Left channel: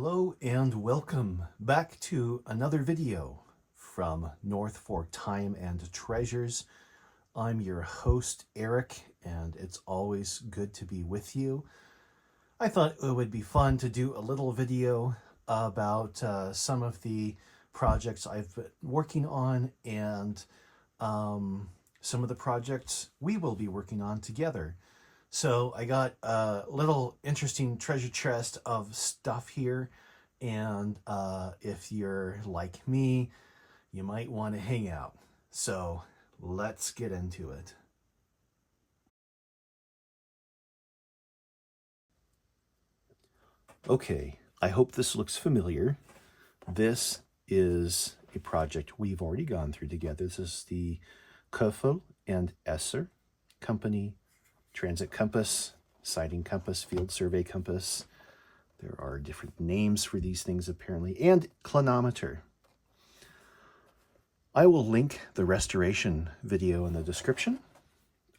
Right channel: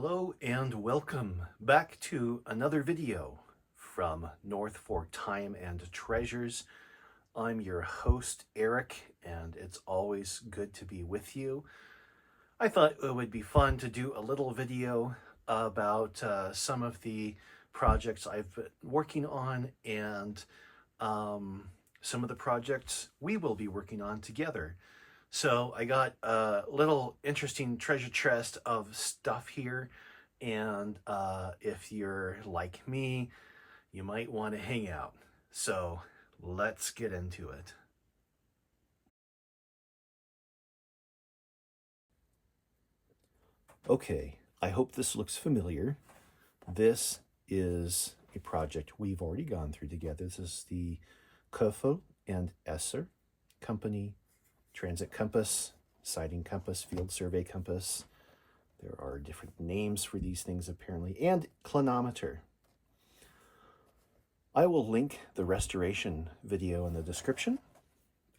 Hello and welcome back to another video from North Fork Time and Treasures. I'm your host, Eric, and it's always good to be with you. I thought it would be fun to do a little video about some of the projects I've been working on and some of the projects we will be working on together. So I got a little interesting treasure chest of stuff here, and if you're like me, you might want to hang out. So let's get into it. Okay, I hope this looks familiar. This is a project we've already gone through together. This is the Keuffel and Esser Company Transit Compass, Sighting Compass, Field Survey Compass. There are different names for these things apparently, and Clinometer. I will link the restoration video in the description,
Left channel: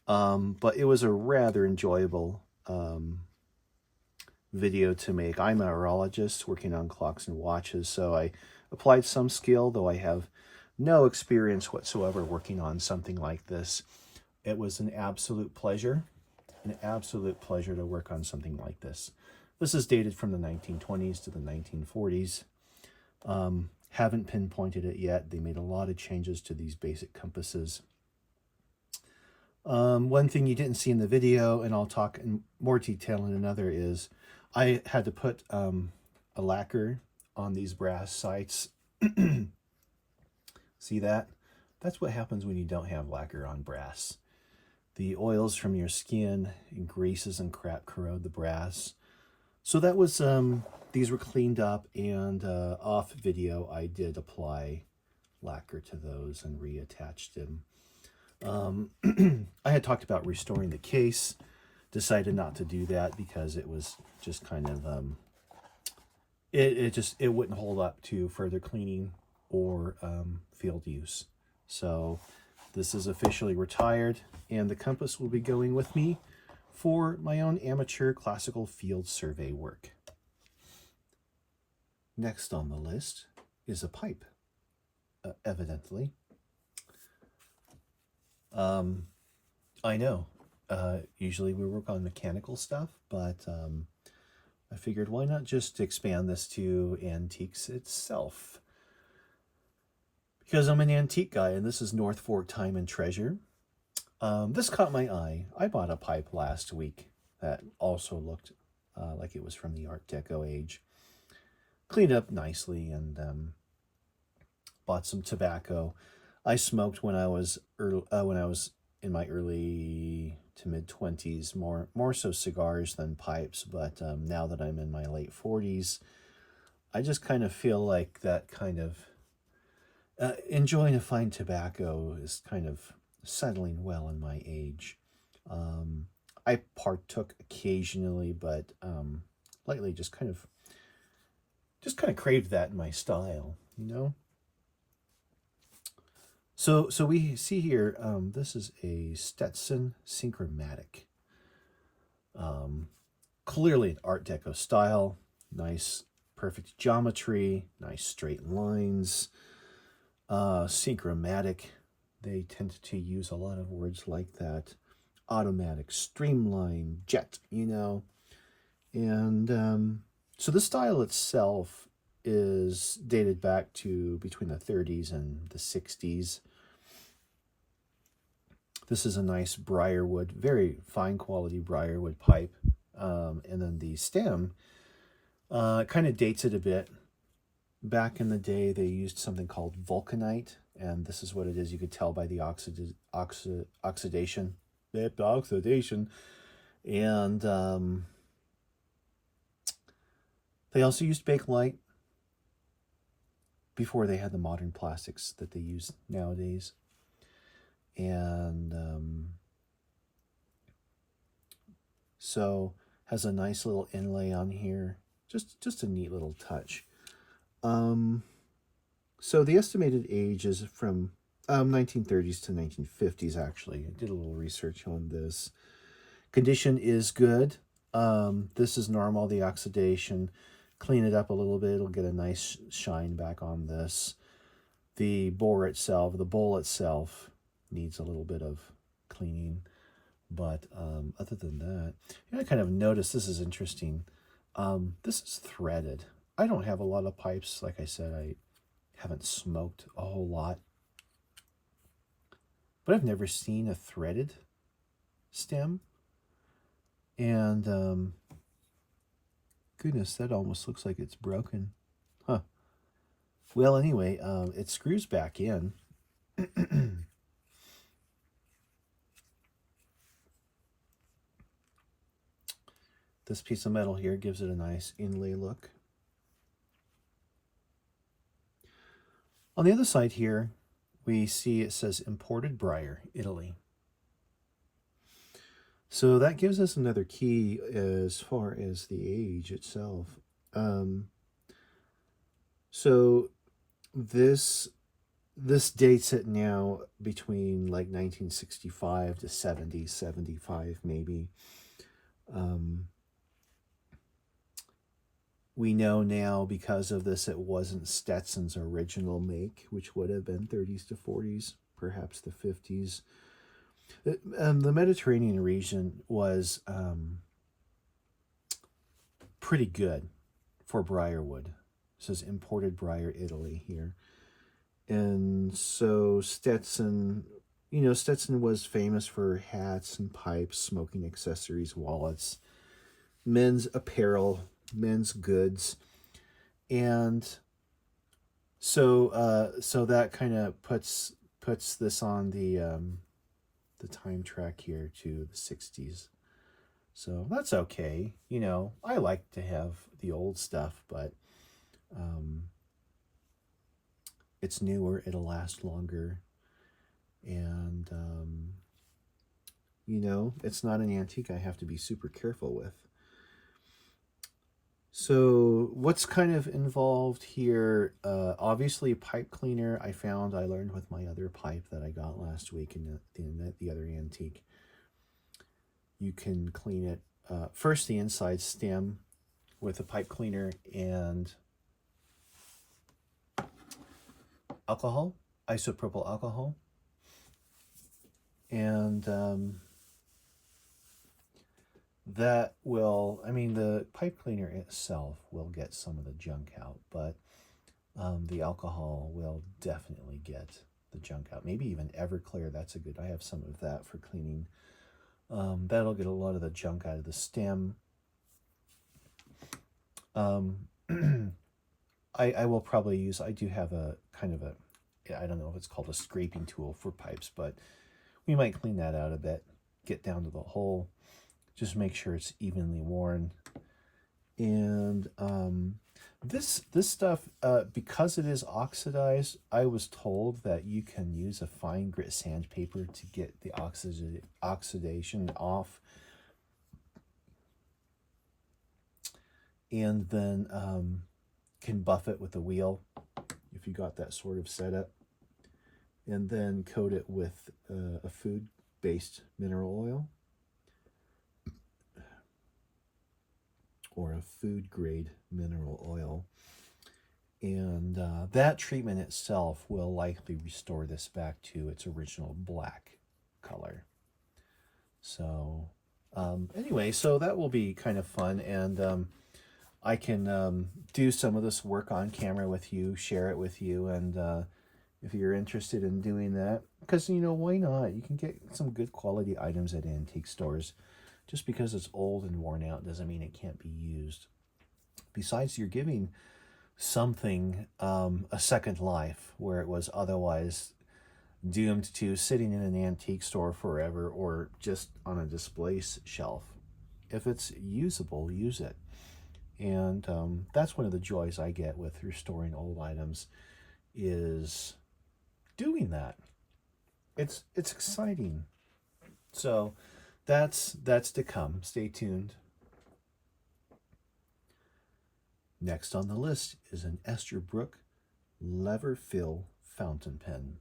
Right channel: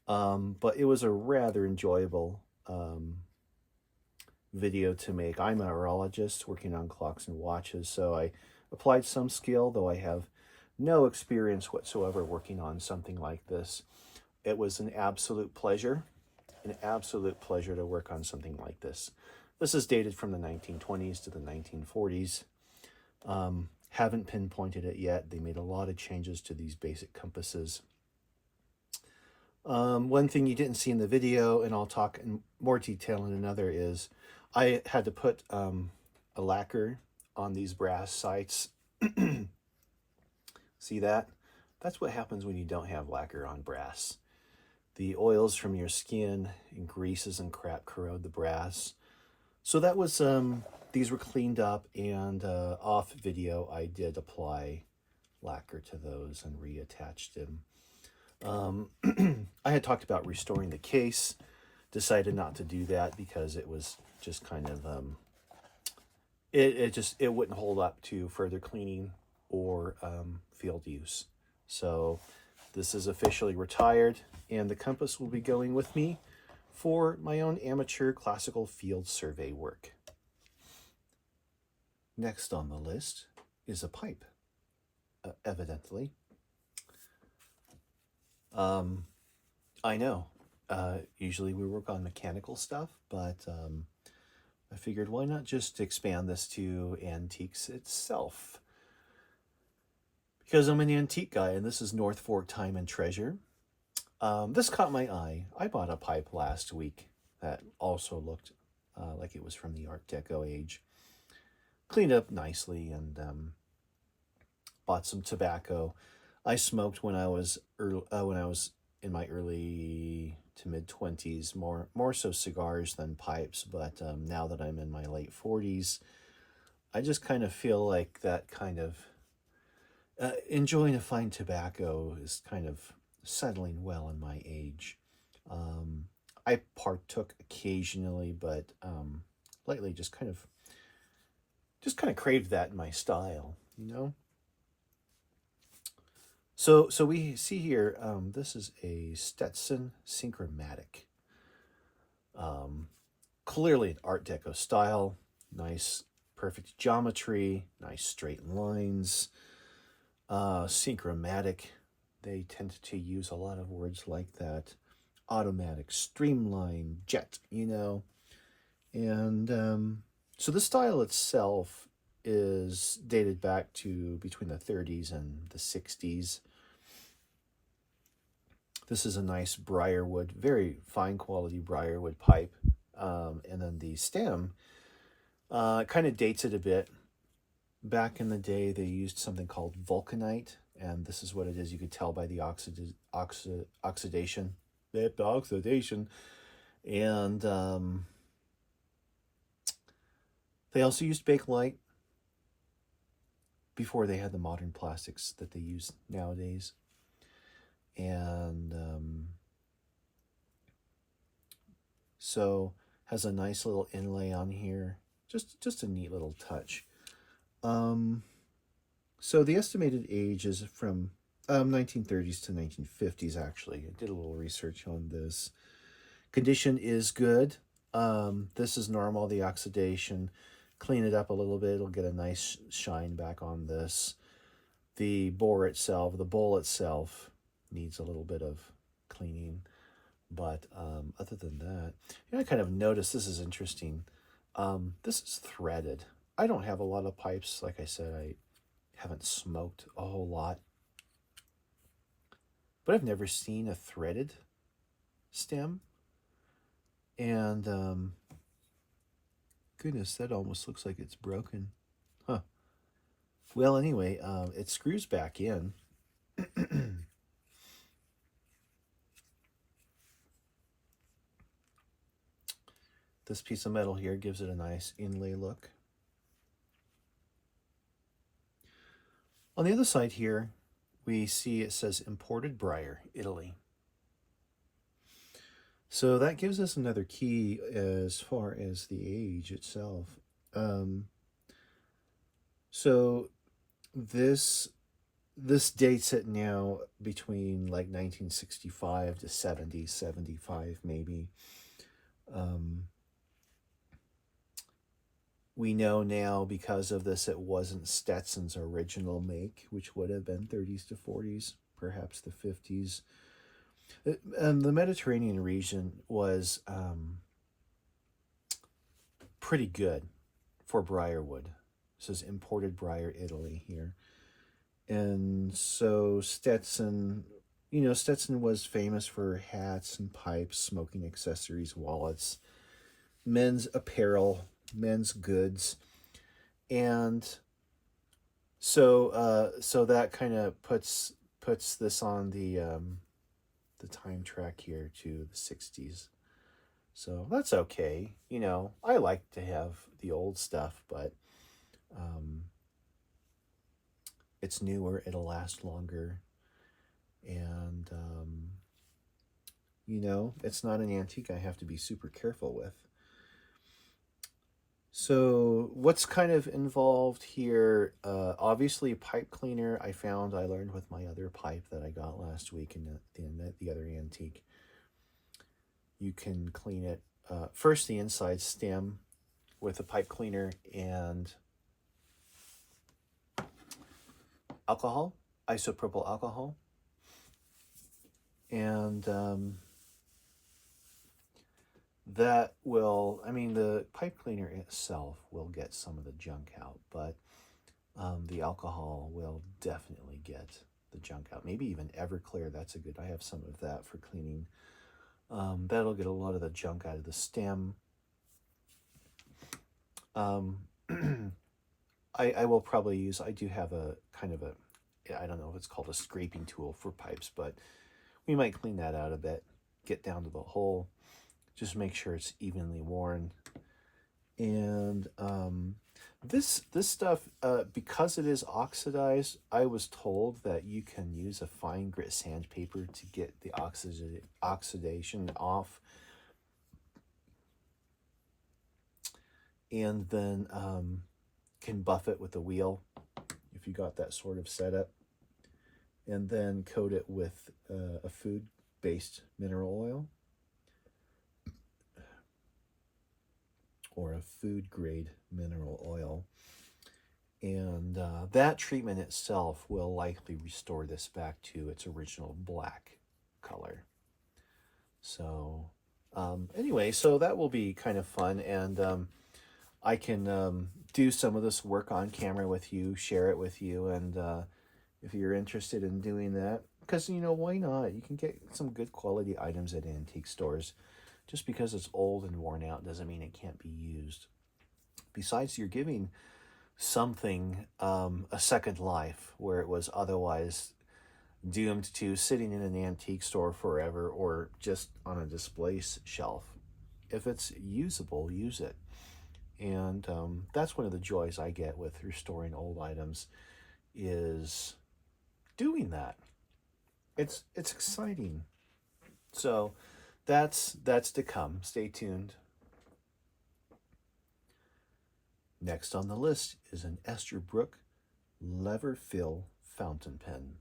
but it was a rather enjoyable video to make. I'm a horologist working on clocks and watches, so I applied some skill, though I have no experience whatsoever working on something like this. It was an absolute pleasure to work on something like this. This is dated from the 1920s to the 1940s. Haven't pinpointed it yet. They made a lot of changes to these basic compasses. One thing you didn't see in the video, and I'll talk in more detail in another, is I had to put a lacquer on these brass sights. See that? That's what happens when you don't have lacquer on brass. The oils from your skin and greases and crap corrode the brass. So that was, these were cleaned up, and off video I did apply lacquer to those and reattached them. I had talked about restoring the case, decided not to do that because it was just kind of, it wouldn't hold up to further cleaning or field use. So this is officially retired, and the compass will be going with me for my own amateur classical field survey work. Next on the list is a pipe, evidently. I know, usually we work on mechanical stuff, but I figured why not just expand this to antiques itself? Because I'm an antique guy, and this is North Fork Time and Treasure. This caught my eye. I bought a pipe last week that also looked like it was from the Art Deco age. Cleaned up nicely, and bought some tobacco. I smoked when I was in my early to mid 20s, more so cigars than pipes. But now that I'm in my late 40s, I just kind of feel like that kind of enjoying a fine tobacco is kind of settling well in my age. I partook occasionally, but lately just kind of craved that in my style, you know. So we see here, this is a Stetson Synchromatic. Clearly an Art Deco style, nice perfect geometry, nice straight lines. Synchromatic, they tend to use a lot of words like that. Automatic, streamline, jet, you know. And so the style itself is dated back to between the 30s and the 60s. This is a nice briarwood, very fine quality briarwood pipe. And then the stem kind of dates it a bit. Back in the day, they used something called vulcanite, and this is what it is. You could tell by the oxidation. And they also used bakelite before they had the modern plastics that they use nowadays. And so has a nice little inlay on here. Just a neat little touch. So the estimated age is from 1930s to 1950s, actually. I did a little research on this. Condition is good. This is normal, the oxidation. clean it up a little bit. It'll get a nice shine back on this. The bowl itself needs a little bit of cleaning. But other than that, I kind of noticed, this is interesting. This is threaded. I don't have a lot of pipes. Like I said, I haven't smoked a whole lot. But I've never seen a threaded stem. And goodness, that almost looks like it's broken. Huh. Well, anyway, it screws back in. This piece of metal here gives it a nice inlay look. On the other side here, we see it says imported briar, Italy. So that gives us another key as far as the age itself. So this dates it now between like 1965 to 70, 75 maybe. We know now because of this it wasn't Stetson's original make, which would have been 30s to 40s, perhaps the 50s. The Mediterranean region was pretty good for briarwood. It says imported briar, Italy here. And so Stetson, Stetson was famous for hats and pipes, smoking accessories, wallets, men's apparel, men's goods. And so that kind of puts this on the time track here to the 60s. So that's okay. I like to have the old stuff, but it's newer, it'll last longer. And, it's not an antique I have to be super careful with. So what's kind of involved here? Obviously, pipe cleaner. I learned with my other pipe that I got last week in the other antique. You can clean it first the inside stem with a pipe cleaner and alcohol, isopropyl alcohol, and that will, the pipe cleaner itself will get some of the junk out, but the alcohol will definitely get the junk out. Maybe even Everclear, I have some of that for cleaning. That'll get a lot of the junk out of the stem. I will probably use, I do have a kind of I don't know if it's called a scraping tool for pipes, but we might clean that out a bit, get down to the hole, just make sure it's evenly worn. And this stuff, because it is oxidized, I was told that you can use a fine grit sandpaper to get the oxidation off. And then can buff it with a wheel if you got that sort of setup. And then coat it with a food-based mineral oil or a food-grade mineral oil. And that treatment itself will likely restore this back to its original black color. So anyway, so that will be kind of fun, and I can do some of this work on camera with you, share it with you, and if you're interested in doing that, because, why not? You can get some good quality items at antique stores. Just because it's old and worn out doesn't mean it can't be used. Besides, you're giving something a second life where it was otherwise doomed to sitting in an antique store forever or just on a display shelf. If it's usable, use it. And that's one of the joys I get with restoring old items, is doing that. It's exciting. So that's to come. Stay tuned. Next on the list is an Estherbrook lever fill fountain pen.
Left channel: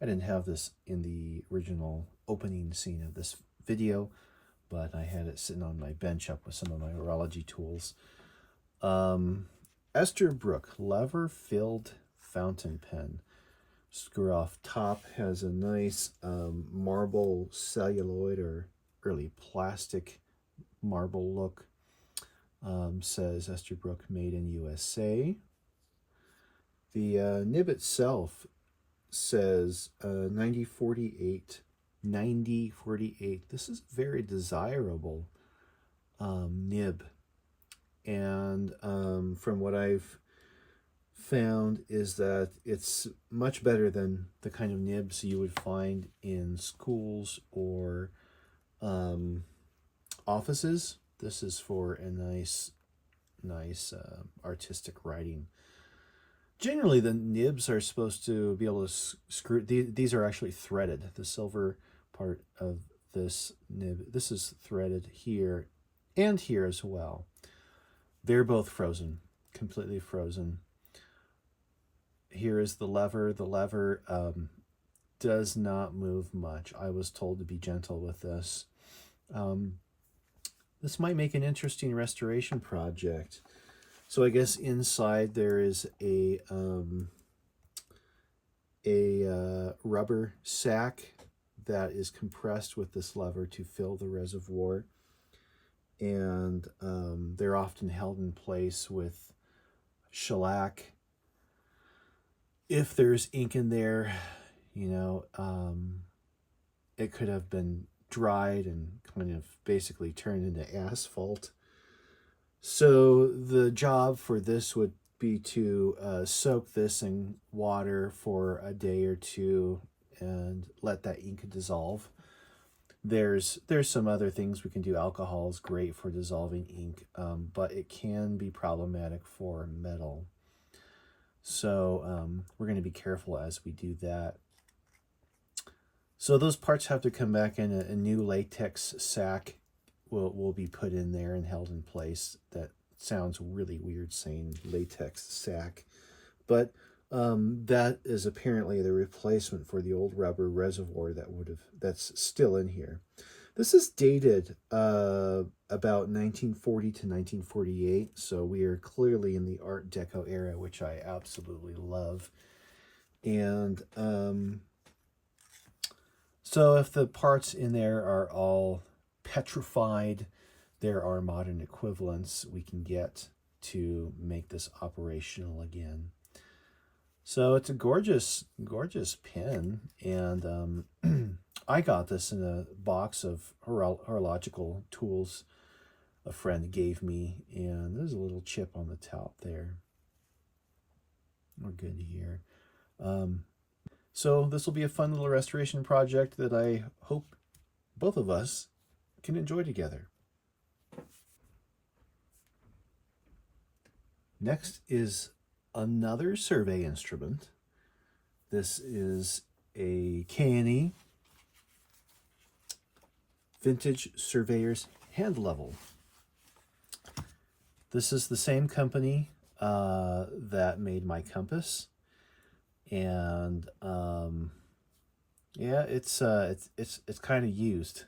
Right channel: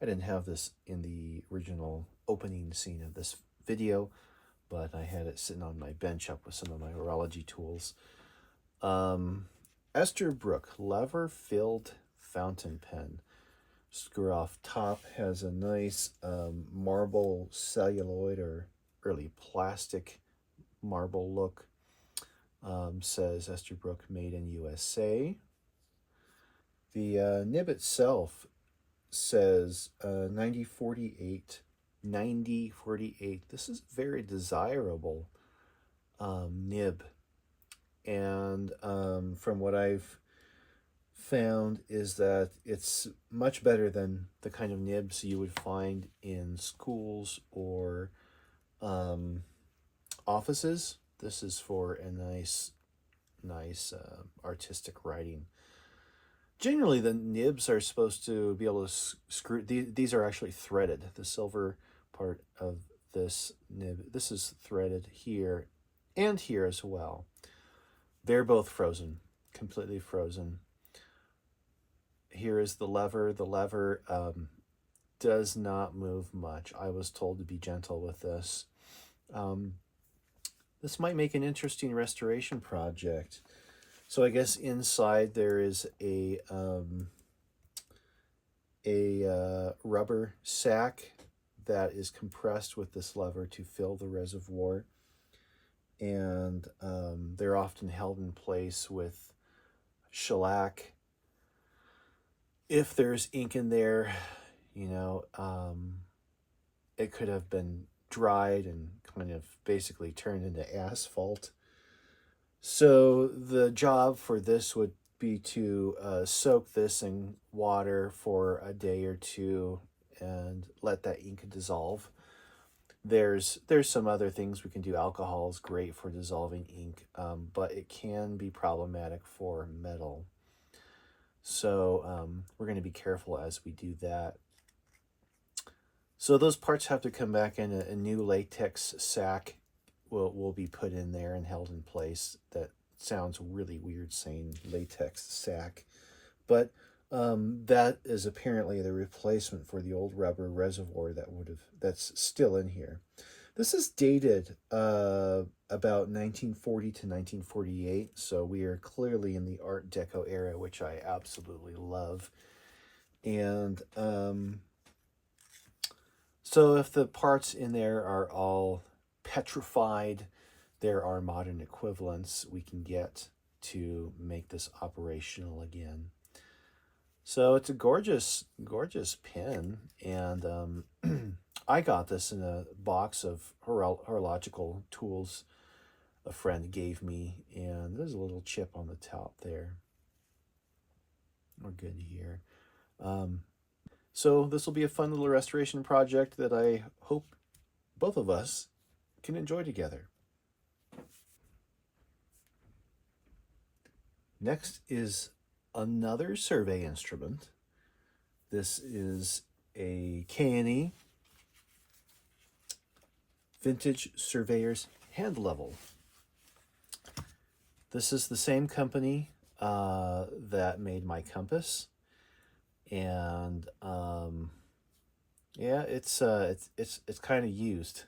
I didn't have this in the original opening scene of this video, but I had it sitting on my bench up with some of my horology tools. Um, Estherbrook lever-filled fountain pen. Screw off top has a nice marble celluloid or early plastic marble look. Says Estherbrook made in USA. The nib itself says 9048. 9048. This is very desirable nib. And from what I've found is that it's much better than the kind of nibs you would find in schools or um, offices. This is for a nice artistic writing. Generally, the nibs are supposed to be able to screw. These are actually threaded. The silver part of this nib, this is threaded here and here as well. They're both frozen, completely frozen. Here is the lever. The lever does not move much. I was told to be gentle with this. Um, this might make an interesting restoration project. So I guess inside there is a rubber sack that is compressed with this lever to fill the reservoir, and they're often held in place with shellac. If there's ink in there, you know, it could have been dried and kind of basically turned into asphalt. So the job for this would be to soak this in water for a day or two and let that ink dissolve. There's some other things we can do. Alcohol is great for dissolving ink, but it can be problematic for metal. So we're going to be careful as we do that. So those parts have to come back in a new latex sack will be put in there and held in place. That sounds really weird saying latex sack, but that is apparently the replacement for the old rubber reservoir that's still in here. This is dated about 1940 to 1948, so we are clearly in the Art Deco era, which I absolutely love. And so if the parts in there are all petrified, there are modern equivalents we can get to make this operational again. So it's a gorgeous, gorgeous pen, and I got this in a box of horological tools a friend gave me, and there's a little chip on the top there. We're good here. So this will be a fun little restoration project that I hope both of us can enjoy together. Next is another survey instrument. This is a K&E Vintage Surveyor's Hand Level. This is the same company that made my compass, and yeah, it's kind of used.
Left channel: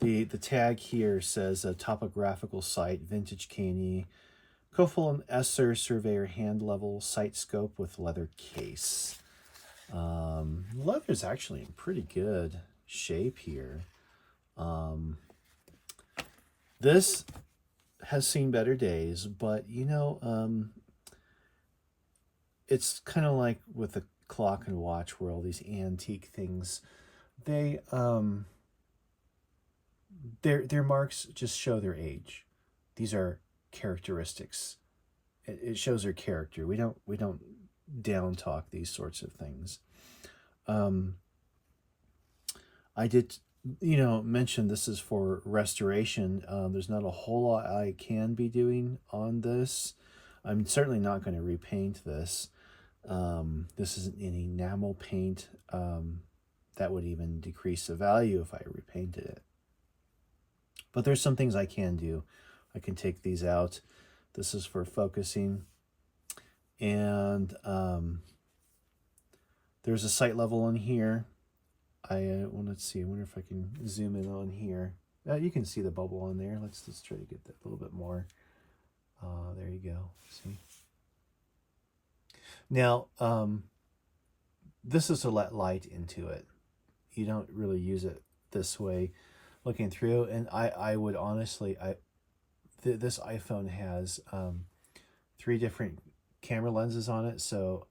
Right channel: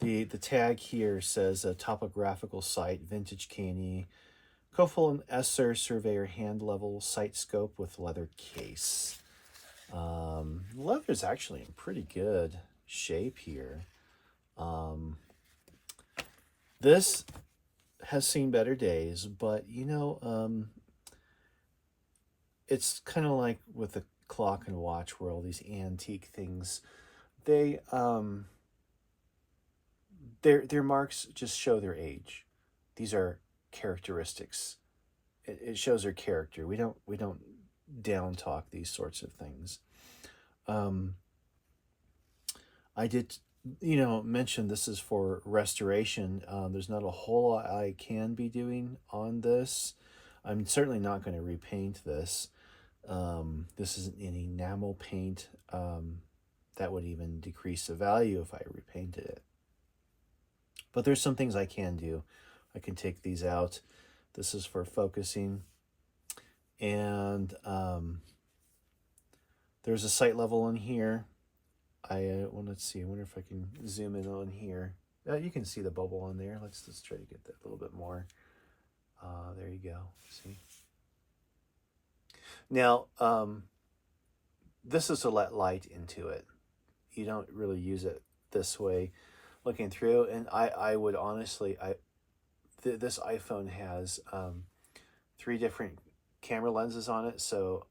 The tag here says a topographical site, vintage K&E, Keuffel Esser surveyor hand level sight scope with leather case. Leather's actually in pretty good shape here. This has seen better days, but you know, it's kind of like with the clock and watch world, these antique things, they their marks just show their age. These are characteristics. It shows their character. We don't down talk these sorts of things. Um, I did, you know, mention this is for restoration. There's not a whole lot I can be doing on this. I'm certainly not going to repaint this. This isn't an enamel paint. That would even decrease the value if I repainted it. But there's some things I can do. I can take these out. This is for focusing. And there's a sight level on here. Well, let's see. I wonder if I can zoom in on here. You can see the bubble on there. Let's try to get that a little bit more. There you go. See? Now, this is to let light into it. You don't really use it this way looking through. And I would honestly, this iPhone has 3 different camera lenses on it, so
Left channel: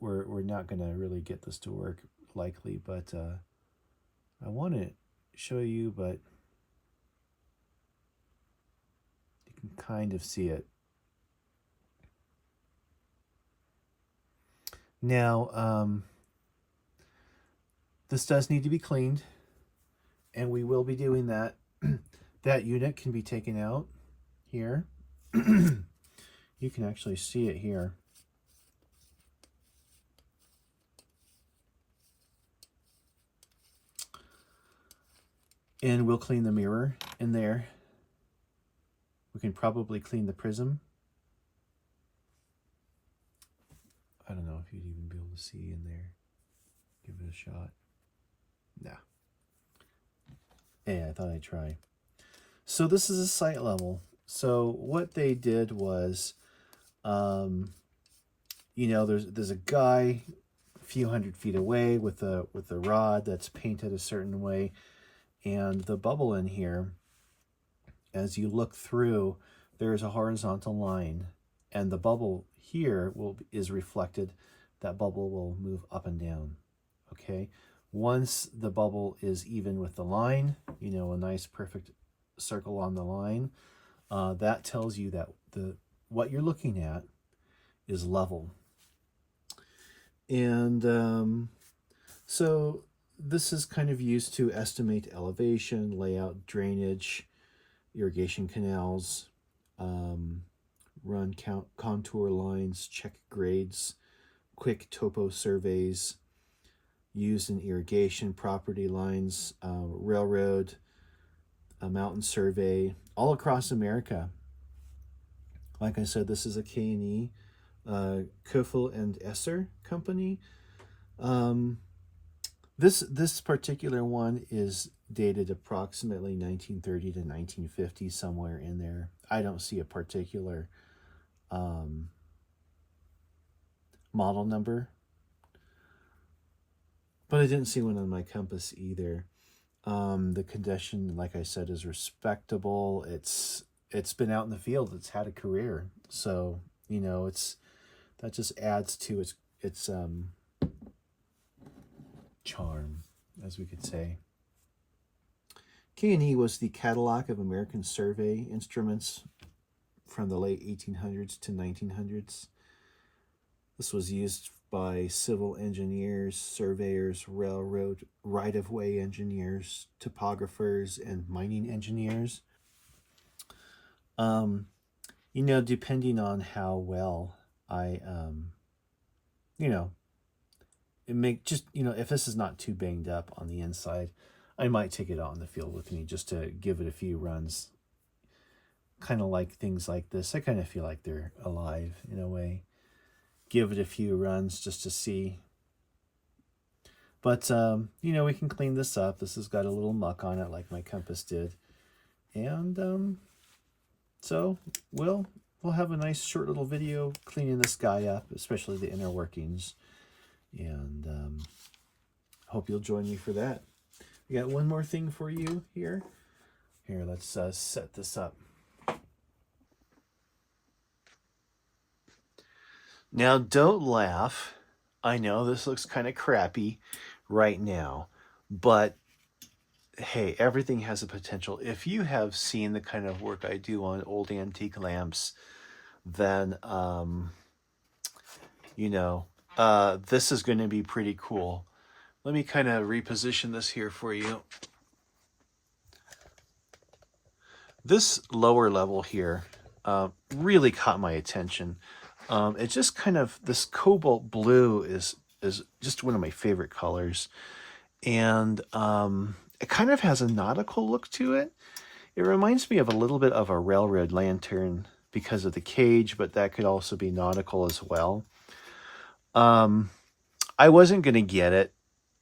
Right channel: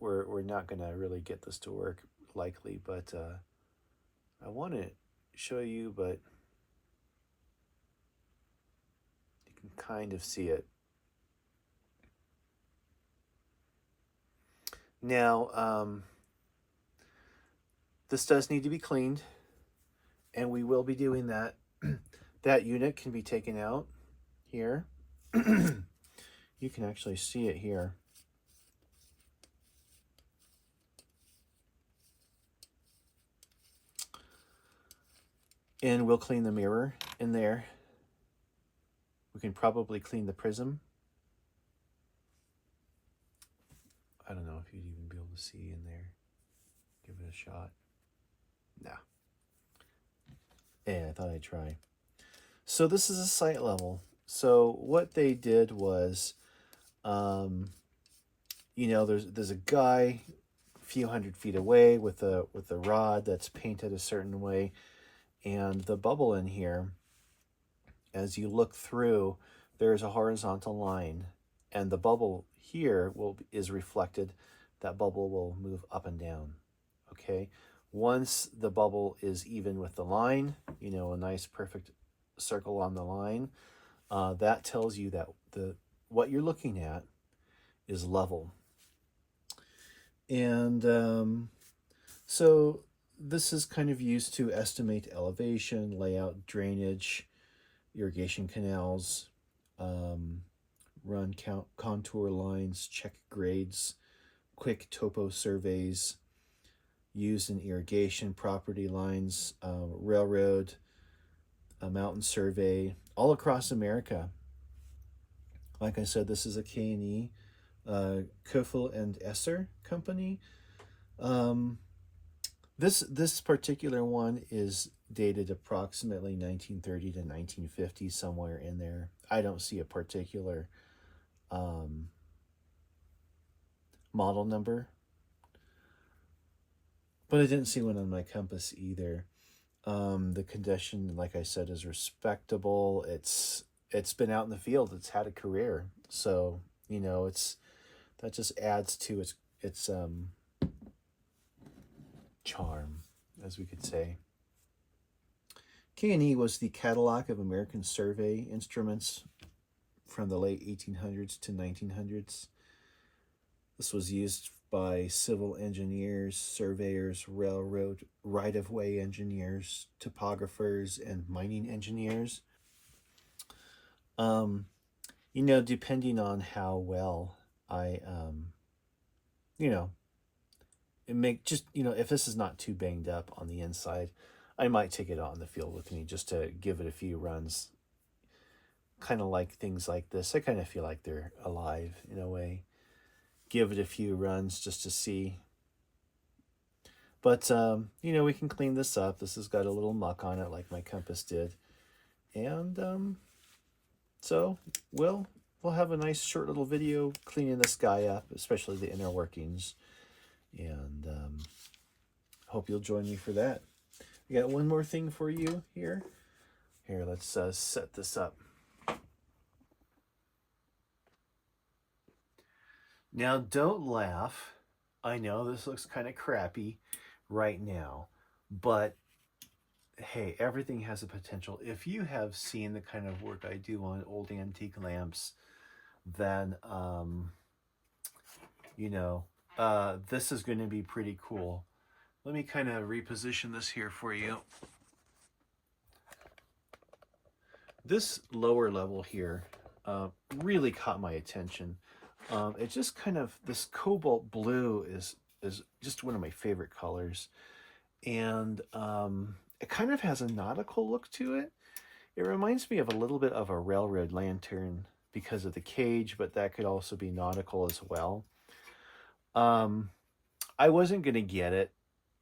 we're not going to really get this to work likely, but I want to show you, but you can kind of see it. Now, this does need to be cleaned, and we will be doing that. That unit can be taken out here. You can actually see it here. And we'll clean the mirror in there. We can probably clean the prism. I don't know if you'd even be able to see in there. Give it a shot. No. Yeah, I thought I'd try. So this is a sight level. So what they did was, you know, there's a guy a few hundred feet away with a rod that's painted a certain way, and the bubble in here, as you look through, there's a horizontal line, and the bubble here is reflected. That bubble will move up and down. Okay, once the bubble is even with the line, you know, a nice perfect circle on the line, that tells you that what you're looking at is level. And so this is kind of used to estimate elevation, layout, drainage, irrigation canals, run contour lines, check grades, quick topo surveys, used in irrigation, property lines, railroad, a mountain survey, all across America. Like I said, this is a K&E, Keuffel and Esser company. This particular one is dated approximately 1930 to 1950, somewhere in there. I don't see a particular model number, but I didn't see one on my compass either. The condition, like I said, is respectable. It's been out in the field. It's had a career, so you know that just adds to its charm, as we could say. K&E was the Cadillac of American survey instruments from the late 1800s to 1900s. This was used by civil engineers, surveyors, railroad right-of-way engineers, topographers, and mining engineers. You know, depending on how well I, you know, if this is not too banged up on the inside, I might take it out in the field with me just to give it a few runs. Kind of like things like this, I kind of feel like they're alive in a way. Give it a few runs just to see. But, you know, we can clean this up. This has got a little muck on it like my compass did. And so we'll have a nice short little video cleaning this guy up, especially the inner workings. And hope you'll join me for that. I got one more thing for you here. Here, let's set this up. Now, don't laugh. I know this looks kind of crappy right now, but hey, everything has a potential. If you have seen the kind of work I do on old antique lamps, then, you know, this is going to be pretty cool. Let me kind of reposition this here for you. This lower level here really caught my attention. It's just kind of, this cobalt blue is just one of my favorite colors. And it kind of has a nautical look to it. It reminds me of a little bit of a railroad lantern because of the cage, but that could also be nautical as well. I wasn't going to get it,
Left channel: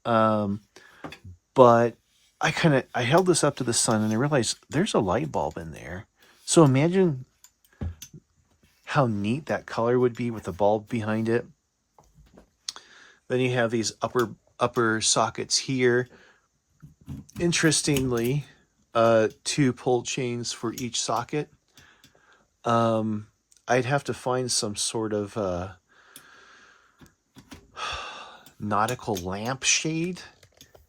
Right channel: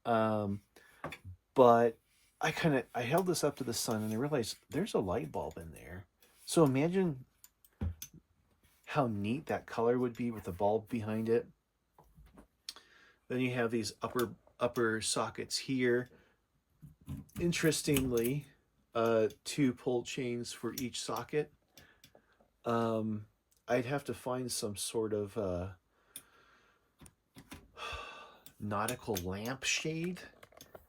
but I held this up to the sun and I realized there's a light bulb in there. So imagine how neat that color would be with the bulb behind it. Then you have these upper sockets here. Interestingly, 2 pull chains for each socket. I'd have to find some sort of nautical lampshade,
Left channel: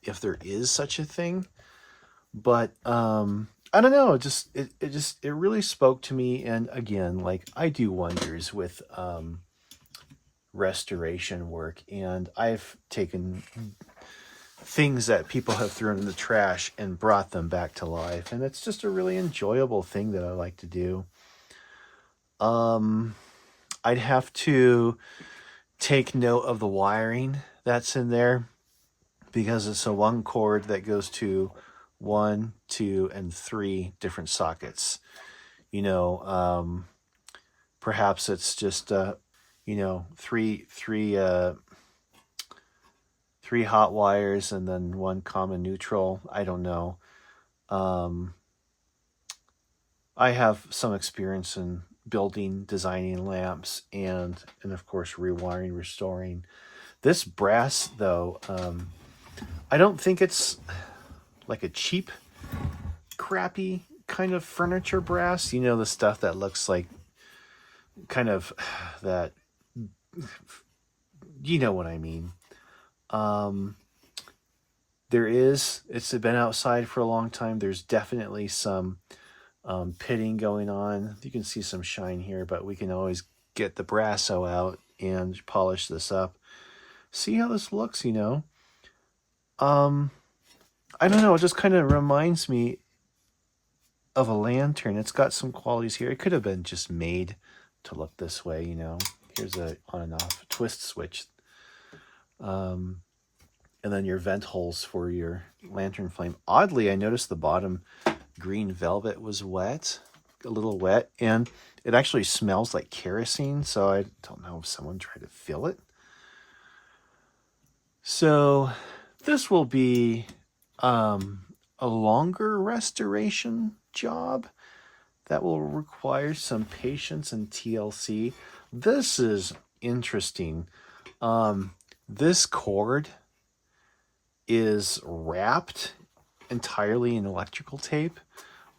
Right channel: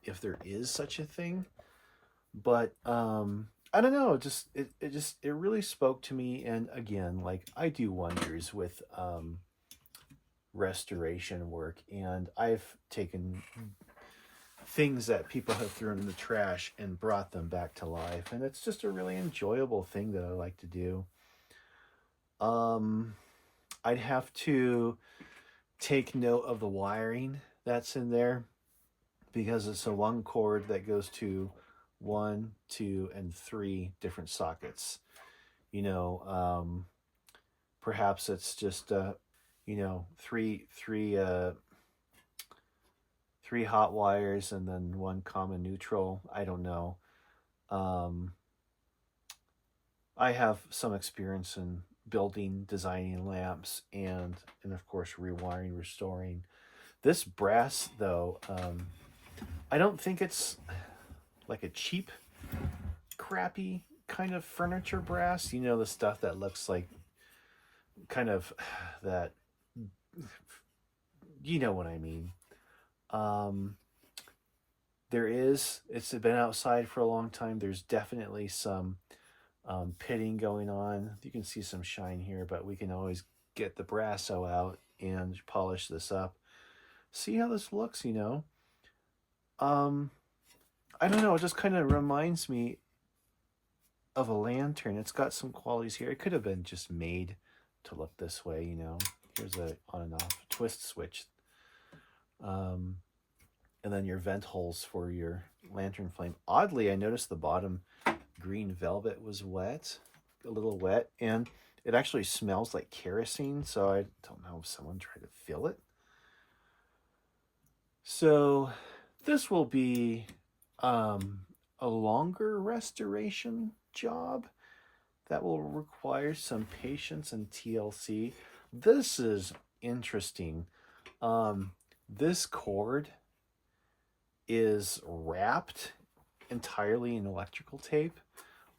if there is such a thing. But I don't know. It really spoke to me. And again, like, I do wonders with restoration work, and I've taken things that people have thrown in the trash and brought them back to life, and it's just a really enjoyable thing that I like to do. I'd have to take note of the wiring that's in there, because it's a 1 cord that goes to 1, 2, and 3 different sockets. You know, perhaps it's just three hot wires and then 1 common neutral. I don't know. I have some experience in building, designing lamps, and of course rewiring, restoring. This brass, though, I don't think it's like a cheap, crappy kind of furniture brass. You know, the stuff that looks like kind of that, you know what I mean. It's been outside for a long time. There's definitely some pitting going on. You can see some shine here, but we can always get the brasso out and polish this up. See how this looks, you know? I don't know, it just kind of reminds me of a lantern. It's got some qualities here. It could have been just made to look this way, you know? Here's a on and off twist switch. And then your vent holes for your lantern flame. Oddly, I noticed the bottom green velvet was wet, a little wet, and it actually smells like kerosene, so I don't know if someone tried to fill it. So this will be a longer restoration job that will require some patience and TLC. This is interesting. This cord is wrapped entirely in electrical tape.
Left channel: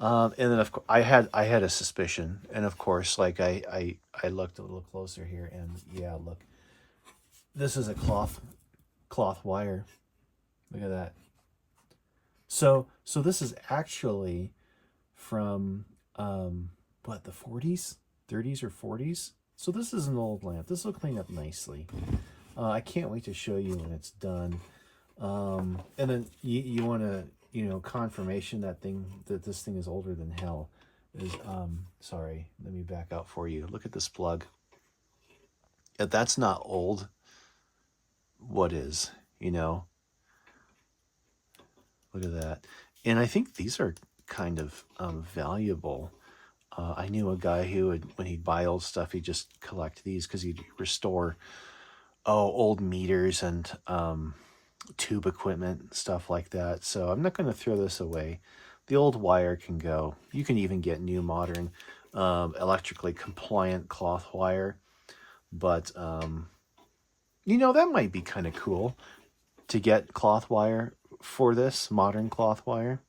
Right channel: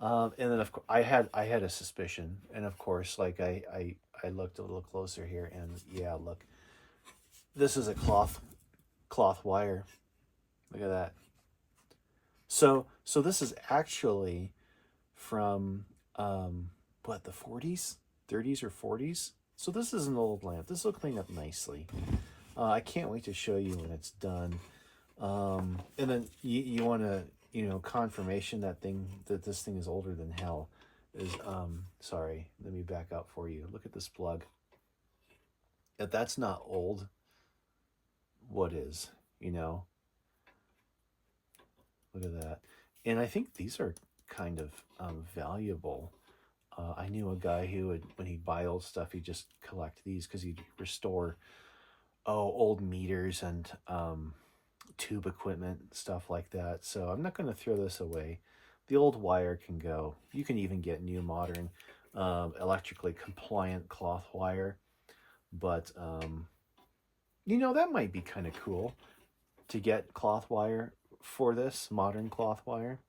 And then of course I had a suspicion, and of course, like I looked a little closer here, and yeah, look, this is a cloth wire. Look at that. So this is actually from what, the 40s, 30s or 40s. So this is an old lamp. This will clean up nicely. I can't wait to show you when it's done. And then you want to, confirmation that this thing is older than hell. Is sorry, let me back out for you. Look at this plug. If that's not old, what is? Look at that. And I think these are kind of valuable. I knew a guy who would, when he'd buy old stuff, he'd just collect these because he'd restore old meters and tube equipment, stuff like that. So I'm not going to throw this away. The old wire can go. You can even get new modern electrically compliant cloth wire. But, that might be kind of cool to get cloth wire for this, modern cloth wire.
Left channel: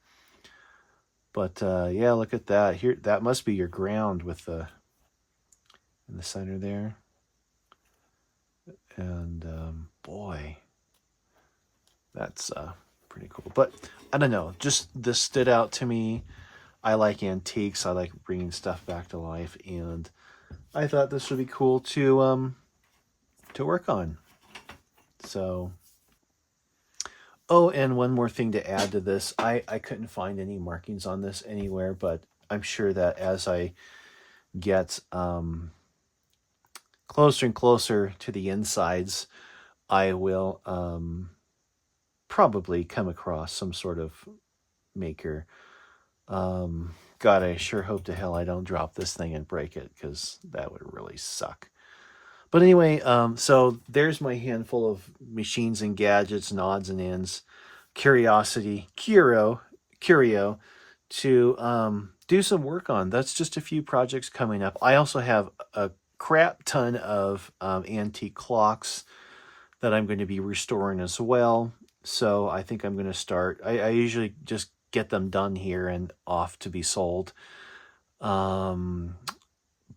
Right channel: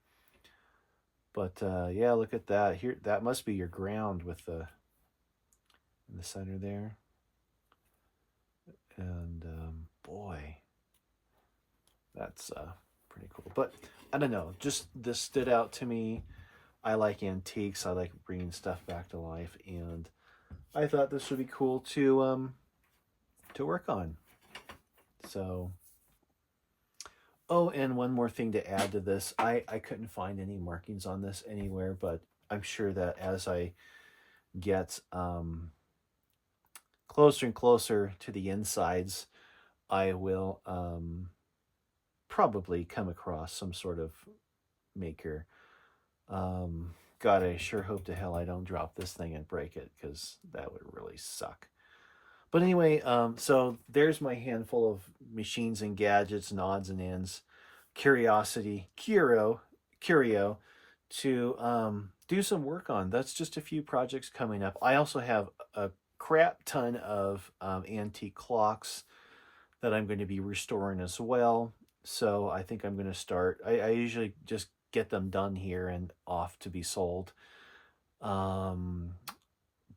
But, yeah, look at that. Here, that must be your ground with in the center there. And, boy, that's pretty cool. But I don't know, just this stood out to me. I like antiques. I like bringing stuff back to life, and I thought this would be cool to work on. So, and one more thing to add to this. I couldn't find any markings on this anywhere, but I'm sure that as I get closer and closer to the insides, I will probably come across some sort of maker. God, I sure hope to hell I don't drop this thing and break it, because that would really suck. But anyway, so there's my handful of machines and gadgets and odds and ends. curio to do some work on. That's just a few projects coming up. I also have a crap ton of antique clocks that I'm going to be restoring as well. So I think I'm going to start. I usually just get them done here and off to be sold. Um,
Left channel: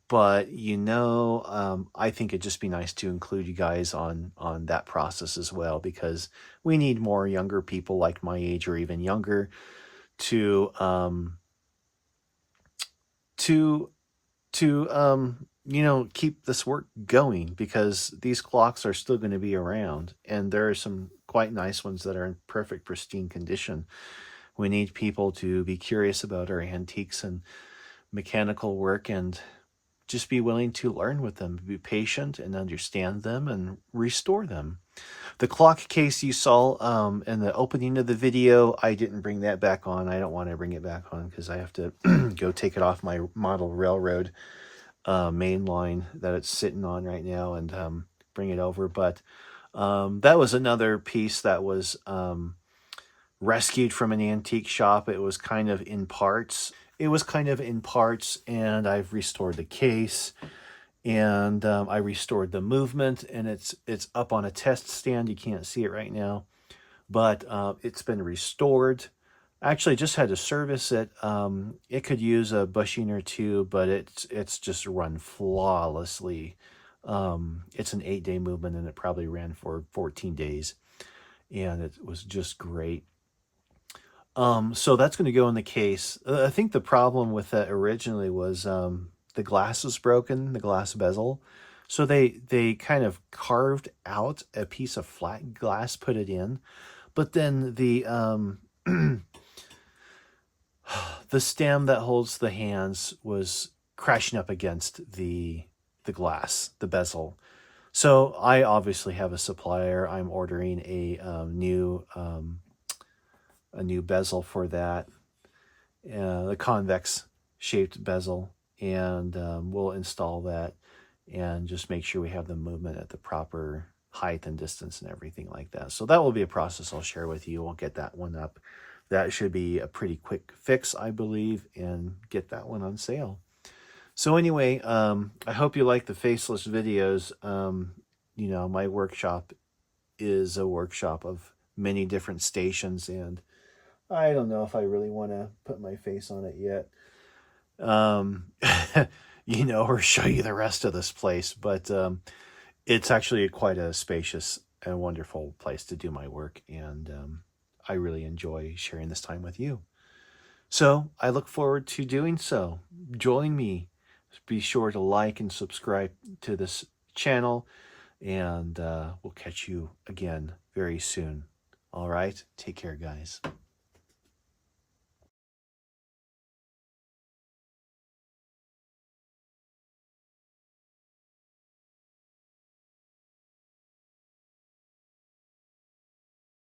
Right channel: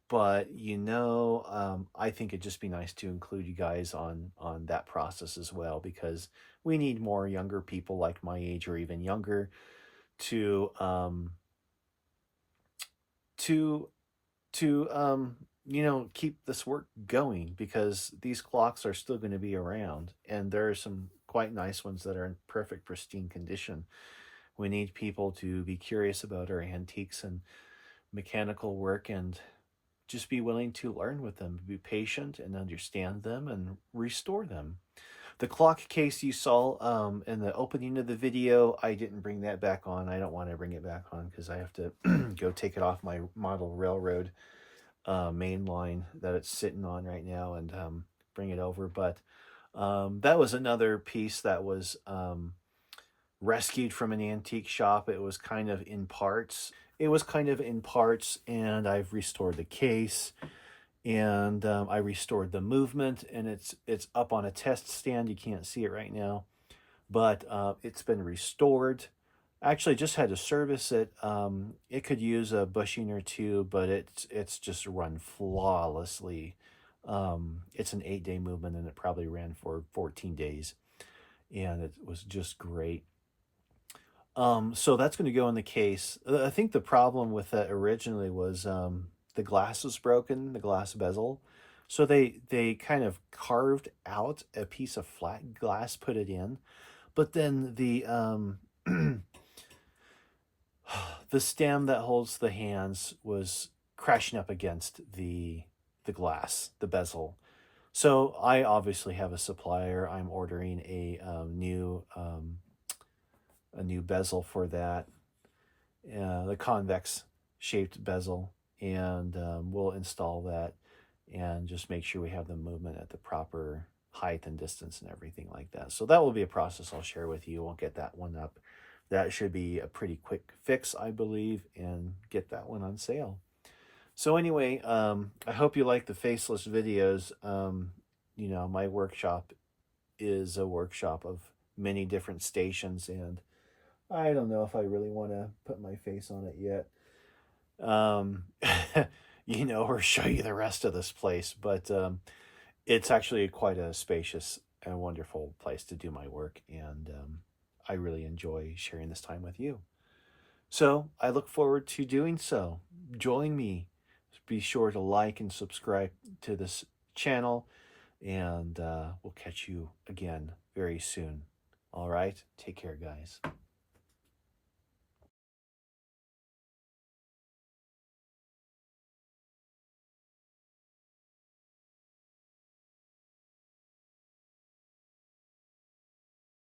but I think it'd just be nice to include you guys on that process as well, because we need more younger people like my age or even younger to to keep this work going, because these clocks are still going to be around, and there are some quite nice ones that are in perfect pristine condition. We need people to be curious about our antiques and mechanical work, and just be willing to learn with them, be patient and understand them and restore them. The clock case you saw in the opening of the video, I didn't bring that back on. I don't want to bring it back on because I have to go take it off my model railroad main line that it's sitting on right now and bring it over. But that was another piece that was rescued from an antique shop. It was kind of in parts. And I've restored the case, and I restored the movement, and it's up on a test stand. You can't see it right now, but it's been restored. Actually, just had to service it. It could use a bushing or two, but it's just run flawlessly. It's an 8-day movement, and it probably ran for 14 days, and it was just great. So that's going to go in the case. I think the problem with that originally was the glass was broken, the glass bezel. So they kind of carved out a piece of flat glass, put it in, but then the the stem that holds the hands was crashing up against the glass, the bezel. So I obviously have a supplier. I'm ordering a new bezel for that, the convex shaped bezel, and we'll install that and just make sure we have the movement at the proper height and distance and everything like that. So that will be a process I'll share with you. We'll get that one up. That should be a pretty quick fix, I believe, and get that one on sale. So anyway, I hope you like the faceless videos. My workshop is a workshop of many different stations, and I don't know if I really want to put my face on it yet. Or show you the rest of this place, but it's actually quite a spacious and wonderful place to do my work, and I really enjoy sharing this time with you. So I look forward to doing so. Join me. Be sure to like and subscribe to this channel, and we'll catch you again very soon. All right, take care, guys.